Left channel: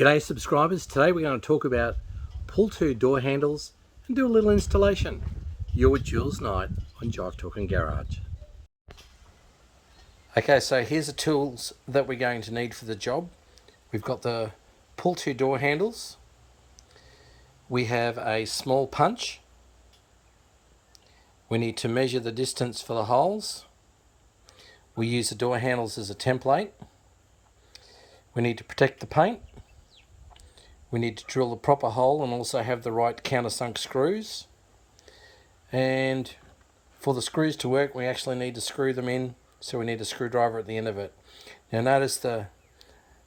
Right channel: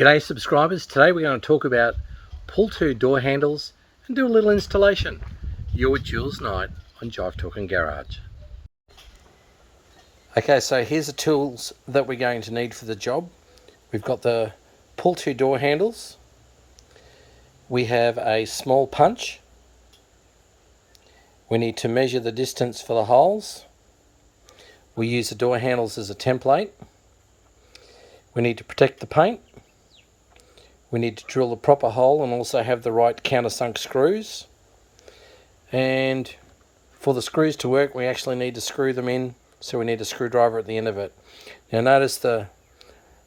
G'day subscribers, today we're going to talk about pull-to door handles and do a little installation. You're with Jules Knight on Jive Talk and Garage. Okay, so here's the tools that we're going to need for the job. We've got the pull-to door handles. We have a small punch. We need to measure the distance for the holes. We use the door handles as a template. We need to protect the paint. We need to drill the proper hole and also have the right countersunk screws. And for the screws to work, we actually need to screw them in, so we need a screwdriver at the end of it. Now notice the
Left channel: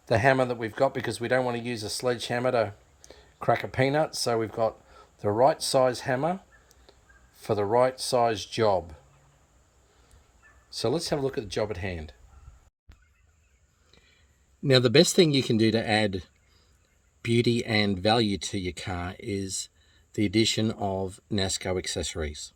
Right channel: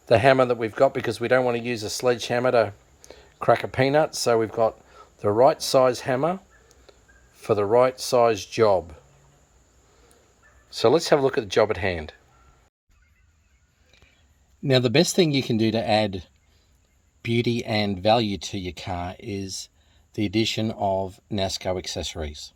hammer that we've got, because we don't want to use a sledgehammer to crack a peanut, so we've got the right size hammer for the right size job. So let's have a look at the job at hand. Now the best thing you can do to add beauty and value to your car is the addition of Nasco accessories.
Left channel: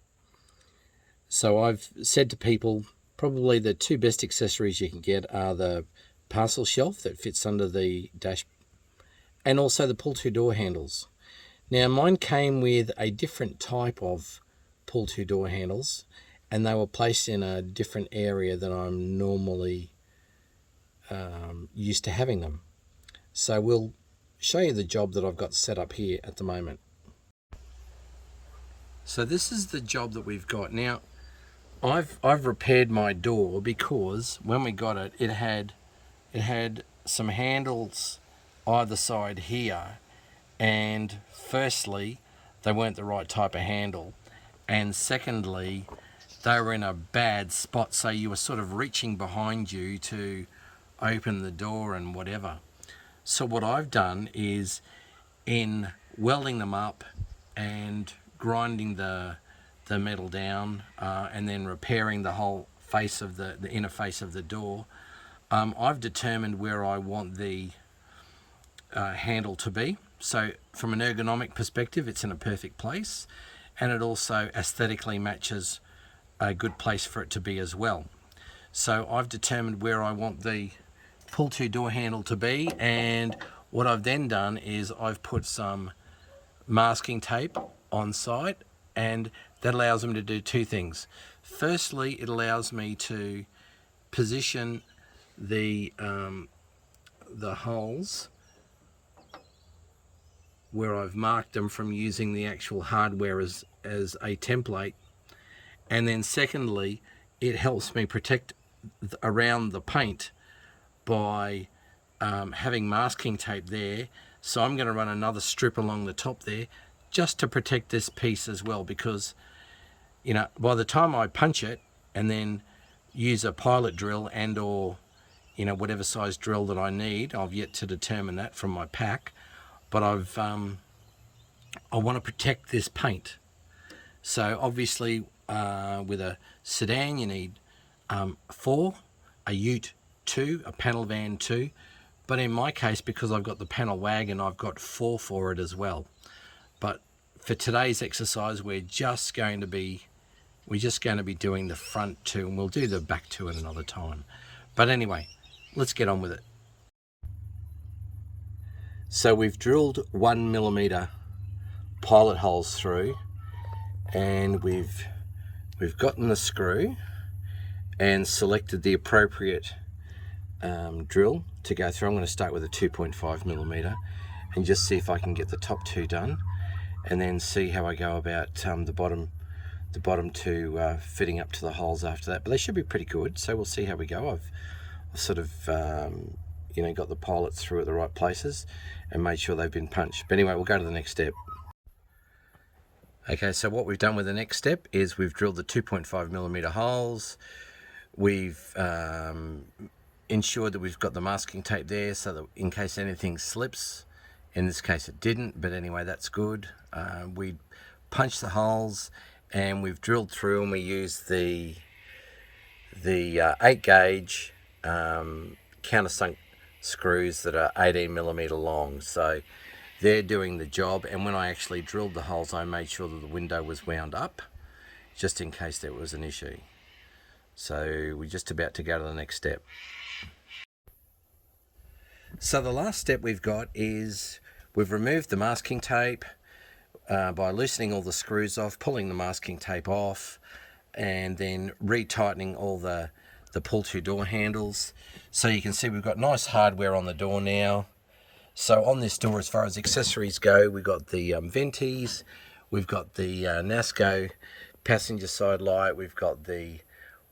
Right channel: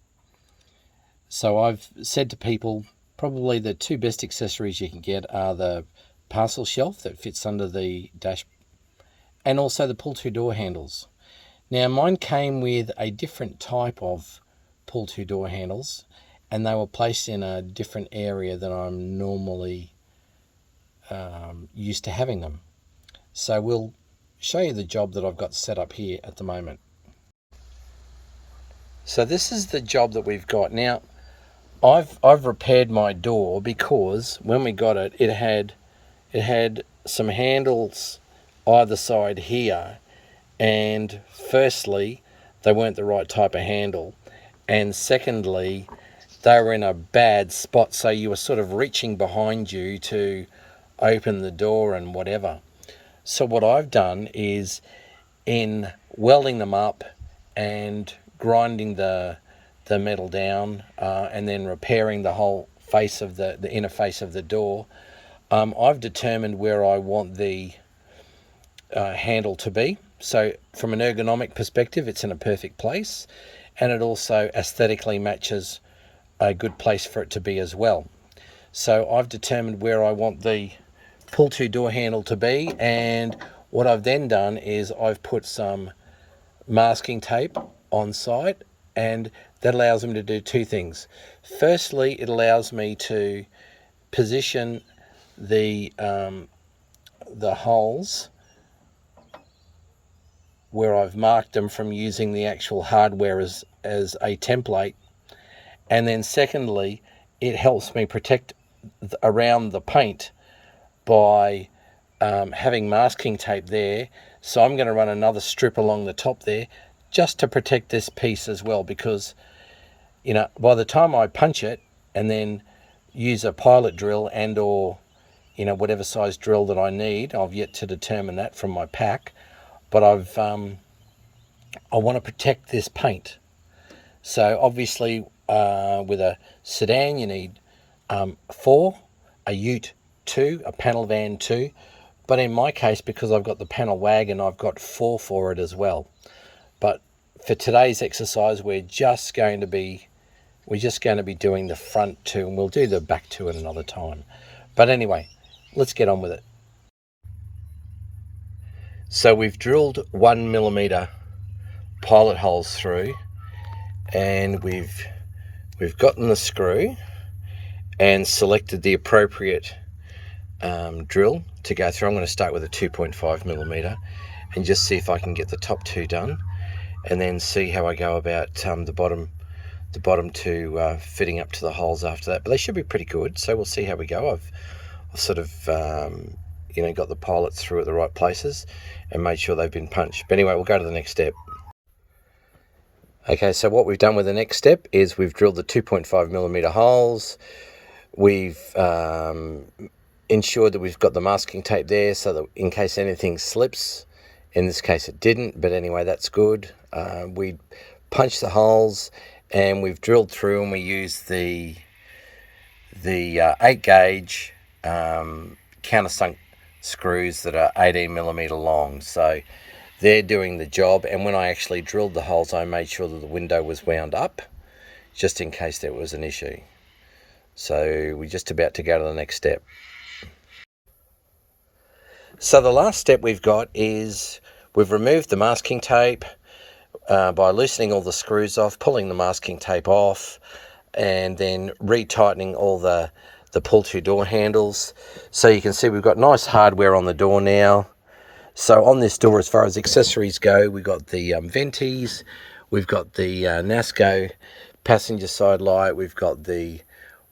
So I've said to people, probably the two best accessories you can get are the parcel shelf that fits under the dash and also the pull-to door handles. Now mine came with a different type of pull-to door handles, and they were placed in a different area than I'm normally used to having them. So we'll show you the job that I've got set up here at the moment. So this is the job that we've got. Now I've repaired my door because when we got it, it had some handles either side here, and firstly they weren't the right type of handle, and secondly they were in a bad spot, so you were sort of reaching behind you to open the door and whatever. So what I've done is, in welding them up and grinding the metal down and then repairing the whole face of the inner face of the door, I've determined where I want the handle to be. So from an ergonomic perspective, it's in a perfect place, and it also aesthetically matches a good place for it to be as well. So I've determined where I want the pull-to door handle to be, and what I've then done is I've put some masking tape on site, and that allows them to do two things. Firstly, it allows me to position the holes where I've marked them from using the actual hardware as a template, and then secondly, it helps me protect around the paint by having masking tape there. So I'm going to run another strip along the top there just to protect this piece as well, because by the time I punch it and then use a pilot drill and or whatever size drill that I need, I've yet to determine that from my pack, but I want to protect this paint. So obviously with a sedan you need 4, a ute 2, a panel van 2, but in my case, because I've got the panel wagon, I've got 4 for it as well. But for today's exercise, we're just going to be doing the front 2, and we'll do the back 2 at another time. But anyway, let's get on with it. So we've drilled 1mm pilot holes through, and we've gotten the screw and selected the appropriate drill to go through. I'm going to start with a 2.5mm and just see if I can get the top 2 done, and then see how I go about the bottom 2 fitting up to the holes after that. But they should be pretty good, so we'll see how we go. I've sort of got the pilots through at the right places and made sure they've been punched. But anyway, we'll go to the next step. Okay, so what we've done with the next step is we've drilled the 2.5mm holes. We've ensured that we've got the masking tape there so that in case anything slips, in this case it didn't, but anyway, that's good. We punched the holes and we've drilled through, and we used the 8 gauge countersunk screws that are 18mm long. So they're doing the job, and when I actually drilled the holes, I made sure that the window was wound up just in case there was an issue. So we're just about to go to the next step. So the last step we've got is we've removed the masking tape by loosening all the screws off, pulling the masking tape off, and then retightening all the pull-to door handles. So you can see we've got nice hardware on the door now. So on this door, as far as accessories go, we've got the venties, we've got the Nasco passenger side light, we've got the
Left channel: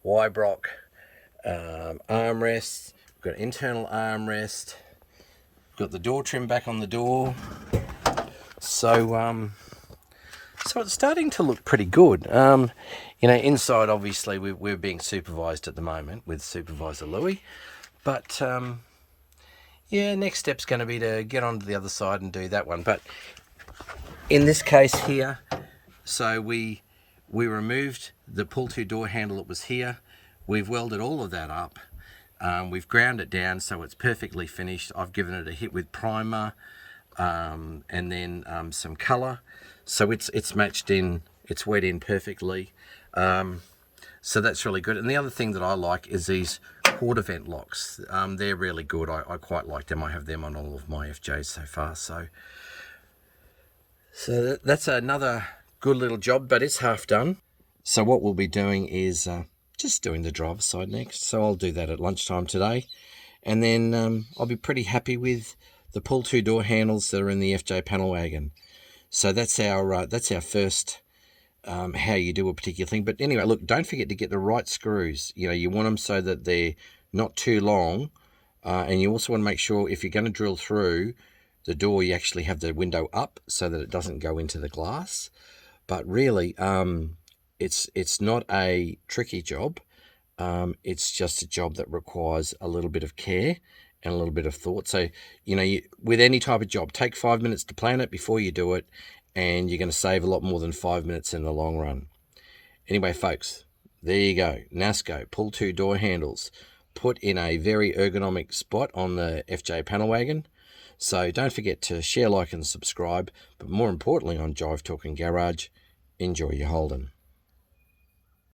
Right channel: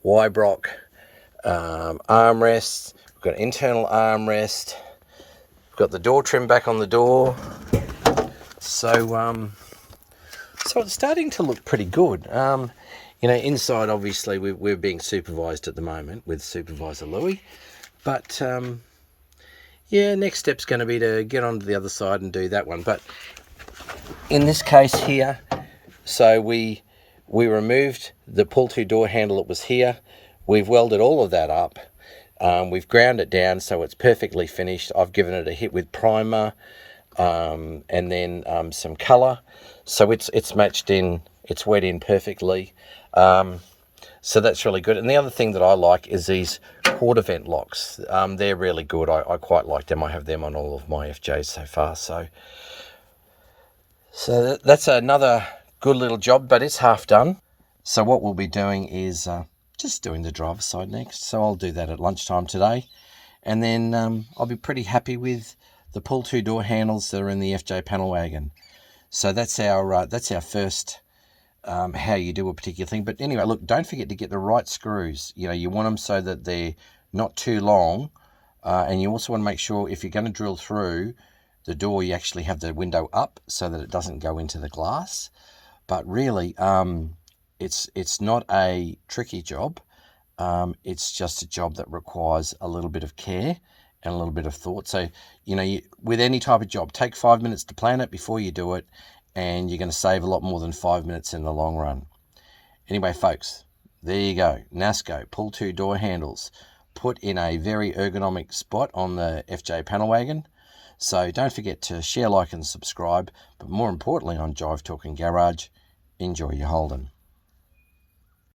Wybrock armrest, we've got internal armrest, we've got the door trim back on the door. So so it's starting to look pretty good. You know, inside obviously we're being supervised at the moment with Supervisor Louis, but yeah, next step's going to be to get onto the other side and do that one. But in this case here, so we removed the pull-to door handle that was here. We've welded all of that up. We've ground it down so it's perfectly finished. I've given it a hit with primer and then some colour. So it's matched in, it's wet in perfectly. So that's really good. And the other thing that I like is these quarter vent locks. They're really good. I quite like them. I have them on all of my FJs so far. So that's another good little job, but it's half done. So what we'll be doing is just doing the driver's side next. So I'll do that at lunchtime today. And then I'll be pretty happy with the pull-to door handles that are in the FJ panel wagon. So that's our first how you do a particular thing. But anyway, look, don't forget to get the right screws. You know, you want them so that they're not too long. And you also want to make sure if you're going to drill through the door, you actually have the window up so that it doesn't go into the glass. But really, it's not a tricky job. It's just a job that requires a little bit of care and a little bit of thought. So, you know, with any type of job, take 5 minutes to plan it before you do it, and you're going to save a lot more than 5 minutes in the long run. Anyway, folks, there you go. Nasco pull-to door handles put in a very ergonomic spot on the FJ panel wagon. So don't forget to share, like, and subscribe. But more importantly, on Jive Talking Garage, enjoy your Holden.